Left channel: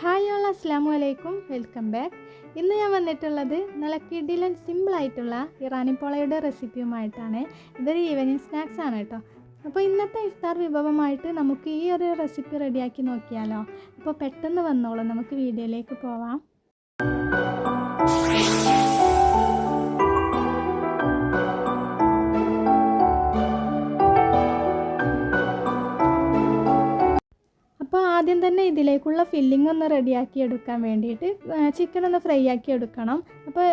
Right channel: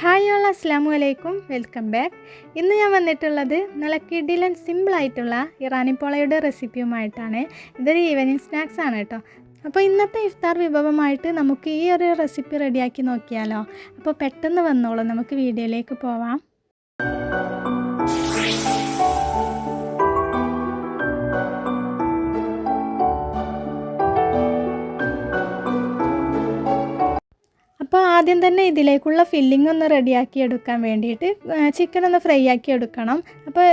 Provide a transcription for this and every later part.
Hi all അസ്സാമു അലൈക്കും. Welcome back. ഇന്ന് ഞാൻ വന്നിട്ടുള്ളത് നല്ല കിഡിലൻ സിമ്പിളായിട്ടുള്ള ഇറാനി പോളയുടെ റെസിപ്പിയുമായിട്ടാണ്. ഇതൊരു ഈവനിങ് സ്നാക്സ് ആണ് കേട്ടോ. അപ്പോൾ ഇന്നത്തെ ഇഫ്താർ വിഭവമായിട്ട് നമുക്ക് ഈ ഒരു റെസിപ്പി റെഡിയാക്കി നോക്കിയാലോ? അപ്പോൾ പെട്ടെന്ന് വന്നോളൂ. നമുക്ക് വീഡിയോയിലേക്ക് പോവാം. ആദ്യം തന്നെ ഇതിലേക്കുള്ള ഫില്ലിംഗ് ഒന്ന് റെഡിയാക്കി എടുക്കാൻ വേണ്ടിയിട്ട് ചിക്കൻ ഒന്ന് ഫ്രൈ ആക്കി എടുക്കണം അപ്പോൾ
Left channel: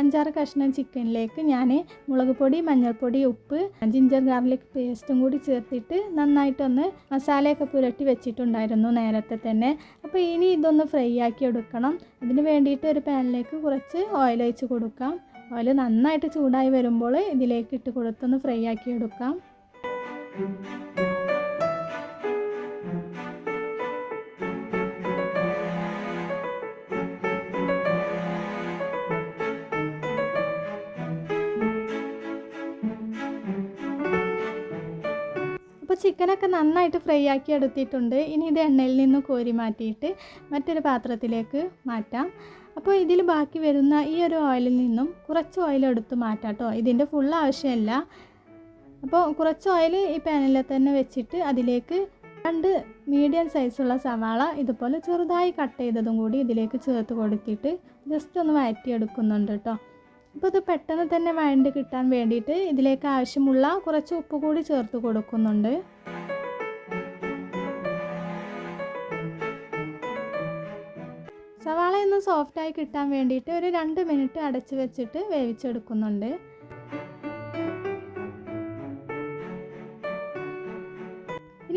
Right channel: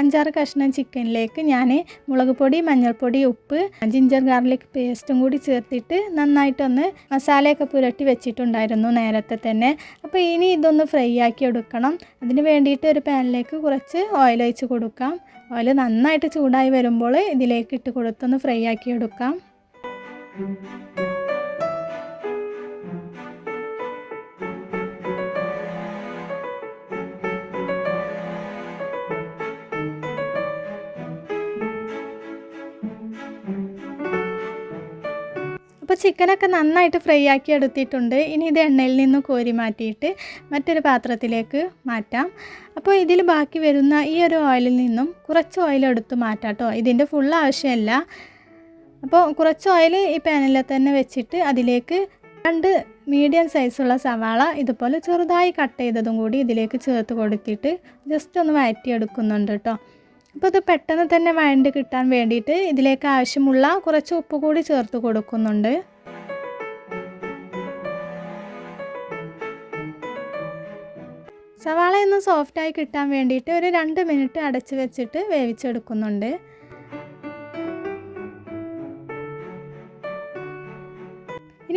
അഞ്ചാറ് കഷ്ണം ചിക്കനിലേക്ക് ഞാൻ മുളക് പൊടി മഞ്ഞൾപ്പൊടി ഉപ്പ് ജിഞ്ചർ ഗാർലിക് പേസ്റ്റും കൂടി ചേർത്തിട്ട് നന്നായിട്ടൊന്ന് മസാലയൊക്കെ പുരട്ടി വെച്ചിട്ടുണ്ടായിരുന്നു നേരത്തെ തന്നെ. അപ്പോൾ ഇനി ഇതൊന്ന് ഫ്രൈ ആക്കി എടുക്കണം അതിന് വേണ്ടിയിട്ട് ഒരു പാനിലേക്ക് കുറച്ച് ഓയിൽ ഒഴിച്ച് കൊടുക്കാം. ഓയിൽ നന്നായിട്ട് ചൂടായി വരുമ്പോൾ ഇതിലേക്ക് ഇട്ട് കൊടുത്തൊന്ന് ഫ്രൈ ആക്കി എടുക്കാം ചിക്കനൊക്കെ നന്നായിട്ട് ഫ്രൈ ആക്കി എടുത്തിട്ടുണ്ട്. ഇനി ഇത് എണ്ണയിൽ നിന്ന് കോരി മാറ്റിയിട്ട് മറ്റൊരു പാത്രത്തിലേക്ക് മാറ്റാം. അപ്പോൾ ഇതിൽ ബാക്കി വരുന്ന ഈ ഒരു ഓയിലിൽ നിന്നും കുറച്ച് ഓയിൽ എടുത്ത് മാറ്റാം കേട്ടോ. ഇതിന്റെ ഫുൾ ആവശ്യമല്ല. അപ്പോൾ കുറച്ച് ഓയിൽ ഈ പാനിൽ തന്നെ വെച്ചിട്ട് അതിലേക്ക് രണ്ട് മീഡിയം സൈസുള്ള സവാള ഇതുപോലെ ചെറുതായി കട്ട് ചെയ്തതും കൂടി ഇതിലേക്ക് ചേർത്ത് കൊടുത്തിട്ട് ജസ്റ്റ് ഒന്ന് വഴറ്റിയെടുക്കുന്നുണ്ട് കേട്ടോ. അപ്പോൾ ഇത് പെട്ടെന്ന് തന്നെ വഴണ്ട് കിട്ടാൻ വേണ്ടിയിട്ട് ഇതിലേക്ക് ആവശ്യമുള്ള കുറച്ച് ഉപ്പ് കൂടി ചേർത്ത് കൊടുക്കുന്നുണ്ട്. സവാള സോഫ്റ്റായി കിട്ടാൻ വേണ്ടിയിട്ട് ഒരു രണ്ട് മിനിറ്റ് അടച്ചു വെച്ചിട്ട് വേവിച്ചെടുക്കുന്നുണ്ട്.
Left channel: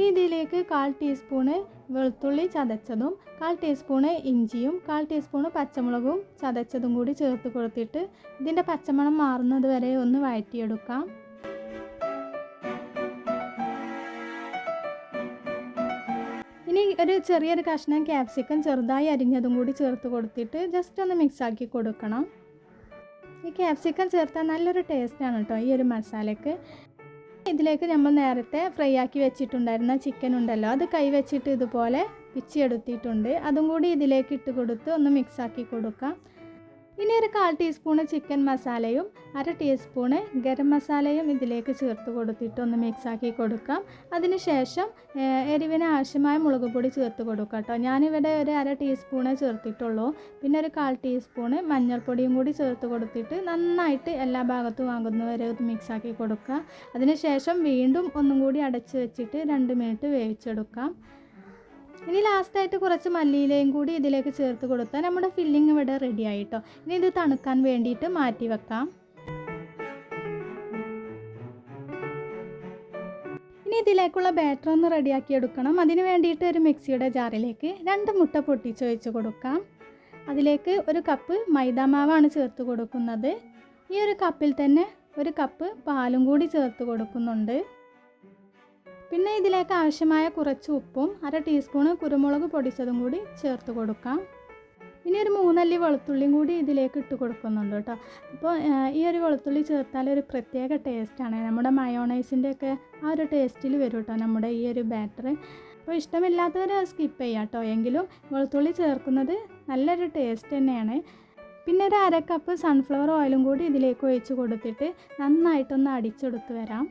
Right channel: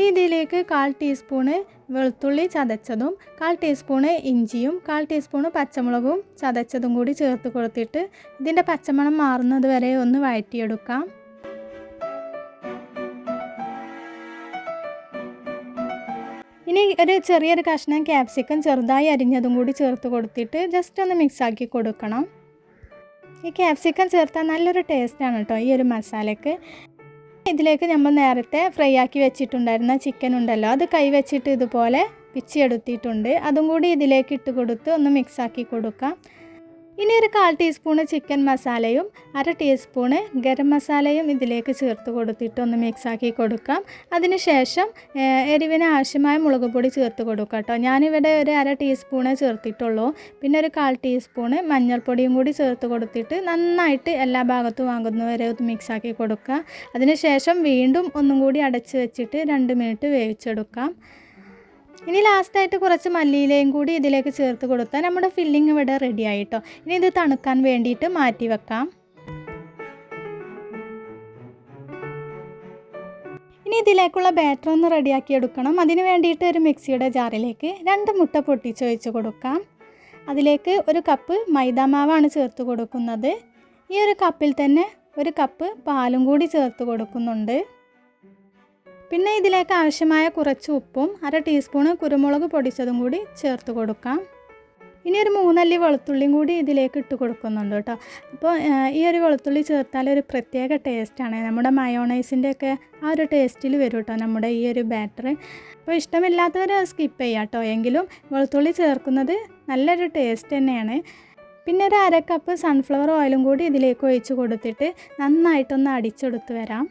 ഇനി ഇതിലേക്ക് കാൽ ടീസ്പൂണ് വെളുത്തുള്ളി ചതച്ചതും കാൽ ടീസ്പൂണ് ഇഞ്ചിയും കാൽ ടീസ്പൂണ് പച്ചമുളകും ചതച്ചതും കൂടി ചേർത്ത് കൊടുത്തിട്ട് ഇതിന്റെ പച്ചമണം മാറുന്നത് വരെ ഒന്ന് വഴറ്റിയെടുക്കാം. ഇനി ഒരു ചെറിയൊരു കഷ്ണം ക്യാപ്സിക്കം ചെറുതായി അരിഞ്ഞതും കൂടി ചേർത്ത് കൊടുത്തിട്ട് ജസ്റ്റ് ഒന്ന് മിക്സാക്കി കൊടുക്കണം. ഈ ക്യാപ്സിക്കം ചേർത്താൽ നല്ലൊരു ടേസ്റ്റാണ് കേട്ടോ ഈ ഒരു മസാലയ്ക്ക് ഇതിലേക്ക് നമ്മൾ നേരത്തെ ഫ്രൈ ആക്കി വെച്ചിട്ടുണ്ടായിരുന്ന ചിക്കൻ ഉണ്ടല്ലോ. അത് കൈ വെച്ചിട്ട് ഇതുപോലെ പിച്ചിയെടുത്തിട്ടുണ്ട് അതും കൂടി ഇതിലേക്ക് ഇട്ട് കൊടുത്ത് ഒന്ന് മിക്സാക്കി കൊടുക്കാം. ഇനി ഒരു കാൽ ടീസ്പൂണ് ചിക്കൻ മസാലയും അര ടീസ്പൂണ് ഗരം മസാലയും ഇതിലേക്ക് ചേർത്ത് കൊടുത്തിട്ട് ഒന്ന് മിക്സാക്കി കൊടുക്കാം. അതിനുശേഷം എരിവിന് ആവശ്യമായ മുളക് പൊടി ചേർത്ത് കൊടുക്കാം കേട്ടോ. ഞാനിവിടെ ഒരു അര ടീസ്പൂണ് ചേർത്തിട്ടുള്ളൂ. പിന്നെ ഒരു കാൽ ടീസ്പൂണ് മഞ്ഞൾപ്പൊടിയും കൂടി ചേർത്ത് കൊടുത്തിട്ട് നന്നായിട്ട് എല്ലാ ഭാഗത്തും വാങ്ങുന്നവരെ ഒന്ന് മിക്സാക്കി കൊടുക്കുക അതിനുശേഷം വീണ്ടും ഒന്നും കൂടി അടച്ച് വെച്ചിട്ട് രണ്ട് മിനിറ്റ് വേവിച്ചെടുക്കാം. ഇനി ലാസ്റ്റായിട്ട് കുറച്ച് മല്ലിയിലയും കൂടി ഇതിലേക്ക് ചേർത്ത് കൊടുത്താൽ നമ്മുടെ ഫില്ലിംഗ് ഇവിടെ റെഡി ആയിട്ടോ. ഇനി ഇത് തണുക്കാൻ വേണ്ടിയിട്ട് മാറ്റി വെക്കാം. ഇനി ഇതിലേക്കുള്ള ബാറ്റർ ഒന്ന് റെഡിയാക്കി എടുക്കണം. അതിന് വേണ്ടിയിട്ട് ഒരു മിക്സിയുടെ ജാറിലേക്ക് രണ്ട് മുട്ട പൊട്ടിച്ച് ഒഴിച്ച് കൊടുക്കാം. അതിലേക്ക് ഒരു കപ്പ് മൈദാമാവാണ് ചേർത്ത് കൊടുക്കുന്നത്. ഈ ഒരു കപ്പിൽ തന്നെ ഒരു കപ്പ് പാലും കൂടി ചേർത്ത് കൊടുക്കുന്നുണ്ട്. പിന്നെ ഇതിലേക്ക് ആവശ്യമായ കുറച്ച് ഉപ്പും അര ടീസ്പൂണ് കുരുമുളക് പൊടിച്ചതും കൂടി ചേർത്ത് കൊടുക്കാം. ഇനി ഒരു മൂന്നല്ലി വെളുത്തുള്ളിയും കൂടി ഇതിലേക്ക് ഇട്ട് കൊടുക്കുന്നുണ്ട് കേട്ടോ. അപ്പോൾ ഈ ഒരു വെളുത്തുള്ളി ചേർത്താൽ ഒരു പ്രത്യേക ടേസ്റ്റാണ് നമ്മുടെ മയോണൈസിന്റെ ഒക്കെ ആ ഒരു ടേസ്റ്റിൽ വരും കേട്ടോ നമ്മുടെ ഈ ഒരു ബാറ്റർ അപ്പോൾ ഇഷ്ടമില്ലാത്തവർ സ്കിപ്പ് ചെയ്യാം കേട്ടോ. എങ്കിലും വെളുത്തുള്ളി ചേർക്കുന്നത് നല്ലൊരു ടേസ്റ്റ് തന്നെയാണ്. പിന്നെ ഒരു അര കപ്പ് സൺഫ്ലവർ ഓയിലും കൂടി ഇതിലേക്ക് ഒഴിച്ച് കൊടുത്തിട്ട് നന്നായിട്ടൊന്ന് അടിച്ചെടുത്ത് വരാം.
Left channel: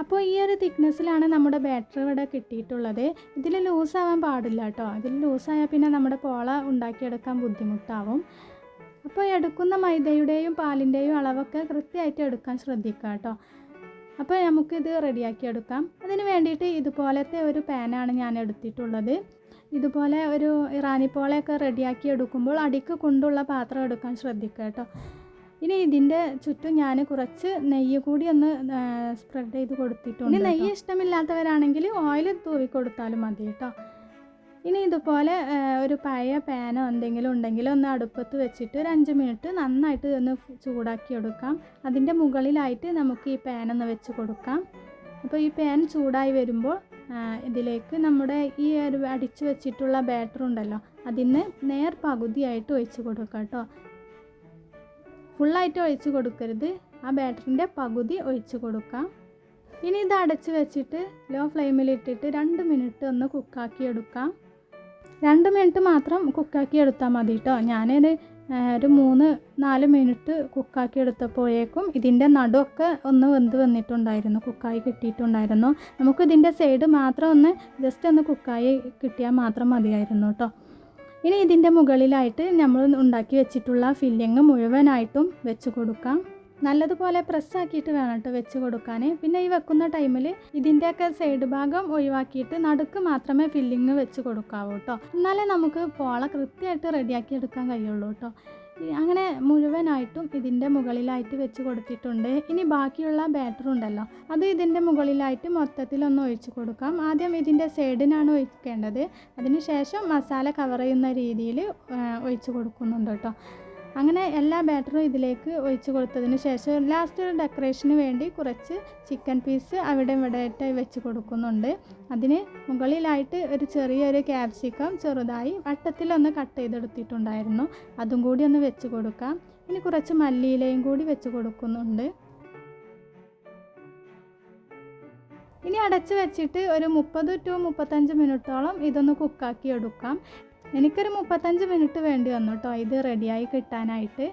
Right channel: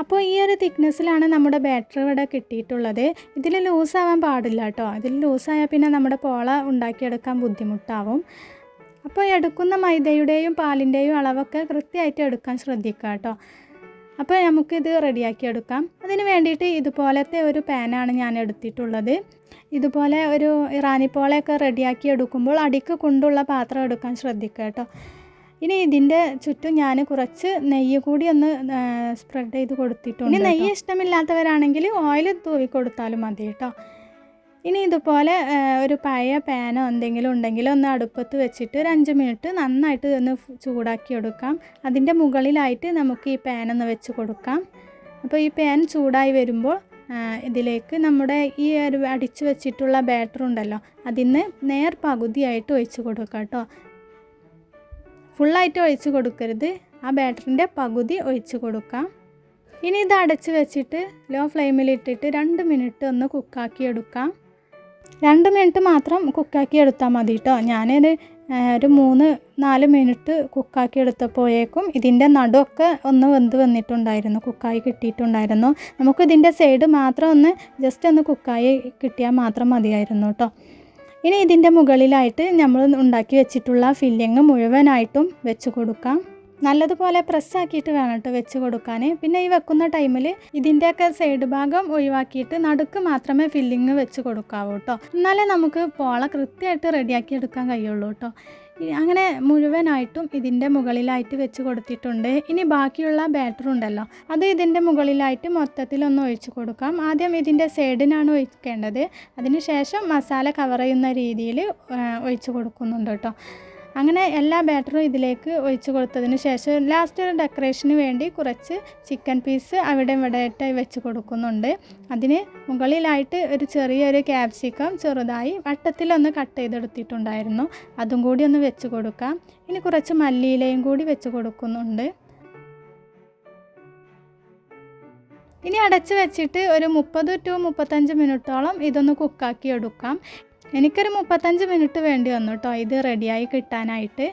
അപ്പോൾ ഈ ഒരു തിക്നെസ്സിലാണ് നമ്മുടെ ബാറ്ററി ഇവിടെ കിട്ടിയിട്ടുള്ളത്. ഇതിൽ ലൂസാവാൻ പാടില്ല കേട്ടോ ഇതിൽ ലൂസായാൽ പിന്നെ നമ്മുടെ പോള ഉണ്ടാക്കിയെടുക്കാൻ ബുദ്ധിമുട്ടാവും. അപ്പോൾ എടുക്കുന്ന മൈദയുടെയും പാലിന്റെയും അളവൊക്കെ കൃത്യമായിട്ട് എടുക്കാൻ ശ്രദ്ധിക്കുക കേട്ടോ അപ്പോൾ നമുക്കിത് റെഡിയാക്കി എടുക്കാം. അതിന് വേണ്ടിയിട്ട് ഇതുപോലത്തെ ഒരു പാനാണ് ഞാൻ എടുത്തിട്ടുള്ളത്. ഇതുപോലെ ഒരു ഇറാനി പോളയൊക്കെ റെഡിയാക്കി എടുക്കുമ്പോൾ അടിക്ക് കൊണ്ടുള്ള പാത്രം എടുക്കാൻ ശ്രദ്ധിക്കുക കേട്ടോ ഇനി ഇതിന്റെ ചുറ്റും ഞാൻ കുറച്ച് നെയ്യ് കൂടി ഒന്ന് സ്പ്രെഡ് ചെയ്ത് കൊടുത്തിട്ടുണ്ട് ഇനി നെയ്യ് ഇഷ്ടമില്ലാത്തവരാണെങ്കിൽ ഓയിൽ തൂവി കൊടുത്താലും മതി കേട്ടോ. ഇനി ഇതുപോലെ ഒരു പഴയ പാനോ എന്തെങ്കിലും ഉണ്ടെങ്കിൽ ഒന്ന് അടുപ്പത്ത് വെച്ചിട്ട് ഒരു അഞ്ച് മിനിറ്റ് നന്നായിട്ട് ഒന്ന് ചൂടാക്കി എടുക്കാം. അതിന്റെ മുകളിലായിട്ട് നമുക്ക് ഈ പാൻ ഒന്ന് വെച്ച് കൊടുക്കാം. അപ്പോൾ ഈ പാൻ ചൂടായി വരുമ്പോൾ ഇതിലേക്ക് നമ്മുടെ ഈ ഒരു അടിച്ചു വെച്ചിട്ടുള്ള ബാറ്റർ ഉണ്ടല്ലോ അതിന് നേർ പകുതിയായിട്ട് ഒഴിച്ച് കൊടുക്കാം കേട്ടോ. ഫുള്ളായിട്ട് ഒഴിച്ച് കൊടുക്കരുത്. ആ ബാറ്ററിന്റെ പകുതി ഒഴിച്ച് കൊടുക്കാം. ഇനി ഇത് അടച്ച് വെച്ചിട്ട് ലോ ഫ്ലെയിമിലിട്ടിട്ട് രണ്ട് മിനിറ്റ് ഒന്ന് കുക്കാക്കി എടുക്കാം. രണ്ട് മിനിറ്റ് മാത്രം കുക്കാക്കി എടുത്താൽ മതി കേട്ടോ ഞാനൊരു ഒരു മൂന്ന് നാല് മിനിറ്റ് കുക്കാക്കി എടുത്തപ്പോഴേക്കും ഇതിന്റെ നടുവൊക്കെ ഒന്ന് വെന്ത് വന്നിട്ടുണ്ടായിരുന്നു. കുക്കായി കിട്ടിയിട്ടുണ്ടായിരുന്നു. നമുക്ക് ഇതിന്റെ സൈഡ് മാത്രം ഒന്ന് ജസ്റ്റ് ഒന്ന് കുക്കായി കിട്ടിയാൽ മാത്രം മതിയായിരുന്നു കേട്ടോ ഇനി ഇതിന്റെ മുകളിലായിട്ട് നമ്മൾ ഉണ്ടാക്കി വെച്ചിട്ടുള്ള ഫില്ലിങ് മുഴുവനായിട്ടും വെച്ച് കൊടുക്കാം. നല്ലതുപോലെ പ്രസ്സാക്കിയിട്ട് വേണം കേട്ടോ വെച്ച് കൊടുക്കാൻ. പിന്നെ ഈ വെക്കുന്ന ടൈമിൽ ഇതിന്റെയൊക്കെ സൈഡ് ഭാഗം ഒഴിവാക്കിയിട്ട് നടുക്ക് മാത്രമേ ഫില്ലിങ് വെച്ച് കൊടുക്കാവൂ കേട്ടോ എന്നാലേ നമുക്ക് പോള കൃത്യമായിട്ട് റെഡിയാക്കി എടുക്കാൻ കഴിയുള്ളൂ കേട്ടോ അങ്ങനെ മുഴുവനായിട്ടും ഇതിന്റെ മുകളിലായിട്ട് വെച്ച് കൊടുത്തിട്ടുണ്ട്. ഇനി ബാക്കിയുള്ള ബാറ്റർ ഉണ്ടല്ലോ അത് ഇതിന്റെ മുകളിലായിട്ട് മൊത്തത്തിലൊന്ന് ഒഴിച്ച് കൊടുക്കാം. ആദ്യം ഇതിന്റെ സൈഡിനാണ് ഒഴിക്കേണ്ടത്. അതിനുശേഷം മസാല കവർ ചെയ്യുന്ന രീതിയിൽ ഒഴിച്ച് കൊടുക്കുന്നുണ്ട് കേട്ടോ. അങ്ങനെ എല്ലാ ബാറ്ററും ഇതിലേക്ക് ഒഴിച്ച് കൊടുത്തതിന് ശേഷം ലാസ്റ്റ് ഒരു ഡെക്കറേഷന് വേണ്ടി കുറച്ച് ചിക്കൻ പീസ് അവിടെ ഇവിടെ ആയിട്ട് വെച്ച് കൊടുക്കുന്നുണ്ട്. അതിന് മുകളിലായിട്ട് ഒരു ചെറിയൊരു ക്യാപ്സിക്കം ചെറുതായി വട്ടത്തിലൊന്ന് കട്ട് ചെയ്തെടുത്തിട്ടുണ്ടായിരുന്നു. അതും കൂടി ഒന്ന് വെച്ച് കൊടുക്കാം. ഇനി കുറച്ച് മല്ലിയിലയും കൂടി വെച്ച് കൊടുക്കുന്നുണ്ട്. ഇനി അടച്ച് വെച്ചിട്ട് ഒരു മുപ്പത് ടു മുപ്പത്തഞ്ച് മിനിറ്റോളം ഇതൊന്ന് കുക്കാക്കി എടുക്കാം. എനിക്കൊരു മുപ്പത്തഞ്ച് മിനിറ്റ് വേണ്ടി വന്നു കേട്ടോ ഇത് റെഡിയായി കിട്ടാനായിട്ട്.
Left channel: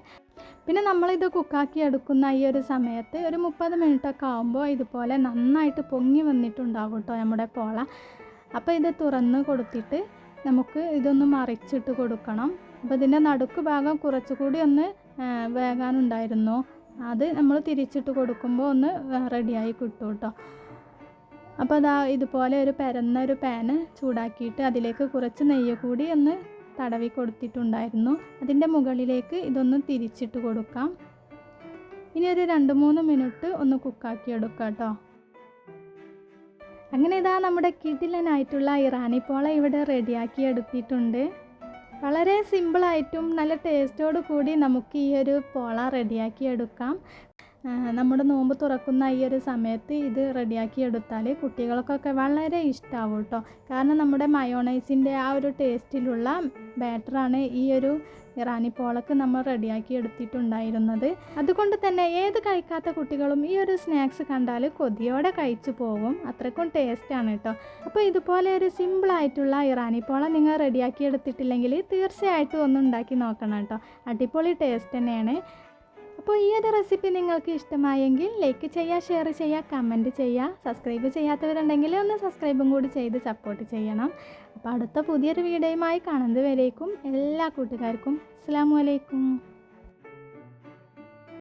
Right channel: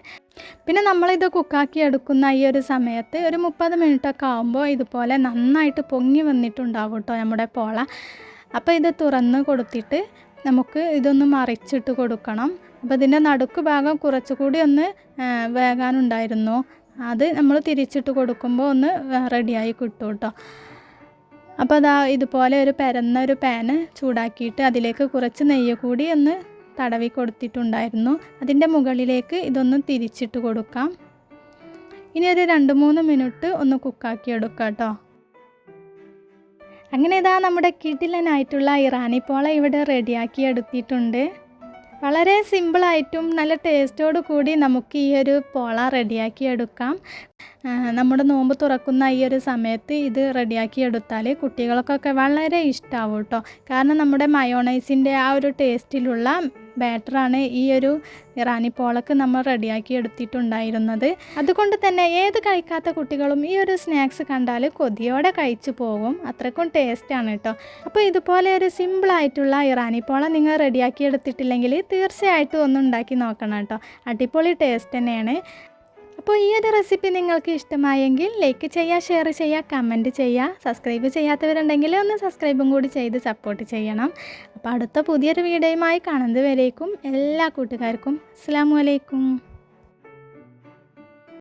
പിന്നെ നമ്മളിത് കുക്കാക്കി എടുക്കുന്ന ഈ ഒരു സമയത്ത് ഒരു മുപ്പത് മിനിറ്റൊക്കെ ആകുമ്പോൾ ഇതുപോലെ നന്നായിട്ട് പൊങ്ങി വന്നിട്ടുണ്ടാവും കേട്ടോ നമ്മുടെ പോള. അപ്പോൾ ഇത് തുറന്ന് കൊടുത്തിട്ട് നമുക്ക് ഇതൊന്ന് മറിച്ചിട്ട് കൊടുക്കണം. അപ്പോൾ ഇതിന്റെ നടുക്ക് ഭാഗം കുറച്ചുകൂടി ഒന്ന് വേകാനുണ്ടായിരുന്നു. അത് നമ്മൾ തിരിച്ചിട്ട് കൊടുക്കുമ്പോൾ ഒന്ന് റെഡിയായി കിട്ടും കേട്ടോ അപ്പോൾ അതാ ഇതുപോലെ ഒരു പരന്ന ഒരു പാന് ചൂടാക്കിയിട്ട് അതിലേക്ക് കുറച്ച് നെയ്യ് കൂടി ഒന്ന് തടവി കൊടുത്തിട്ടുണ്ടായിരുന്നു. അതിന്റെ മുകളിലേക്ക് ഇതൊന്ന് തിരിച്ചിട്ട് കൊടുക്കാം. ഇനി ഒരു രണ്ട് മൂന്ന് മിനിറ്റ് ഒന്ന് കുക്കാക്കി എടുക്കാം കേട്ടോ. അങ്ങനെ ഇതാ നമ്മുടെ കിടിലനായിട്ടുള്ള ഇറാനി ഇവിടെ റെഡിയാക്കി എടുത്തിട്ടുണ്ട്. വളരെ സിമ്പിളായിട്ടും നല്ല ടേസ്റ്റോട് കൂടി നമുക്ക് ഈ ഒരു പോള റെഡിയാക്കി എടുക്കാം നമ്മുടെ നോമ്പ് തുറക്കുന്ന ഈ ഒരു സമയത്ത് ഇത് റെഡിയാക്കി എടുത്താൽ കുട്ടികൾക്കൊക്കെ വളരെ ഇഷ്ടമാവും കേട്ടോ കാരണം നമ്മുടെ മയോണൈസിന്റെ ആ ഒരു ടേസ്റ്റിലുള്ള ബാറ്ററാണ് ഈ ഒരു ഇറാനി പോളക്ക് നമ്മൾ റെഡിയാക്കി എടുത്തിട്ടുണ്ടായിരുന്നത്. അതുകൊണ്ട് തന്നെ ഏത് കഴിക്കാത്ത കുട്ടികളും ഈ ഒരു സ്നാക്സ് കണ്ടാൽ കൊതിയോടെ കഴിച്ചു പോകും. അത്രക്കും ടേസ്റ്റാണ് കേട്ടോ. അപ്പോൾ ഇതുപോലെ ഒരു സിമ്പിളായിട്ടുള്ള ഇറാനി പോള നിങ്ങൾ റെഡിയാക്കി എടുത്തിട്ടില്ലെങ്കിൽ തീർച്ചയായിട്ടും ഒന്ന് ഉണ്ടാക്കി നോക്കണം കേട്ടോ. അടിപൊളി ടേസ്റ്റ് തന്നെയാണ്. അപ്പോൾ ഈ ഒരു റെസിപ്പി നിങ്ങൾക്ക് ഇഷ്ടമായെങ്കിൽ ലൈക്ക് ചെയ്യുക ഷെയർ ചെയ്യുക കമന്റ് ചെയ്യുക സബ്സ്ക്രൈബ് ചെയ്യാത്തവരുണ്ടെങ്കിൽ ഒന്ന് സബ്സ്ക്രൈബും കൂടി ചെയ്ത് സപ്പോർട്ട് ചെയ്യണം. അപ്പോൾ അടുത്ത പുതിയൊരു വീഡിയോയുമായി കാണുന്നത് വരേക്കും എല്ലാ കൂട്ടുകാർക്കും. അസ്സാം വലൈക്കും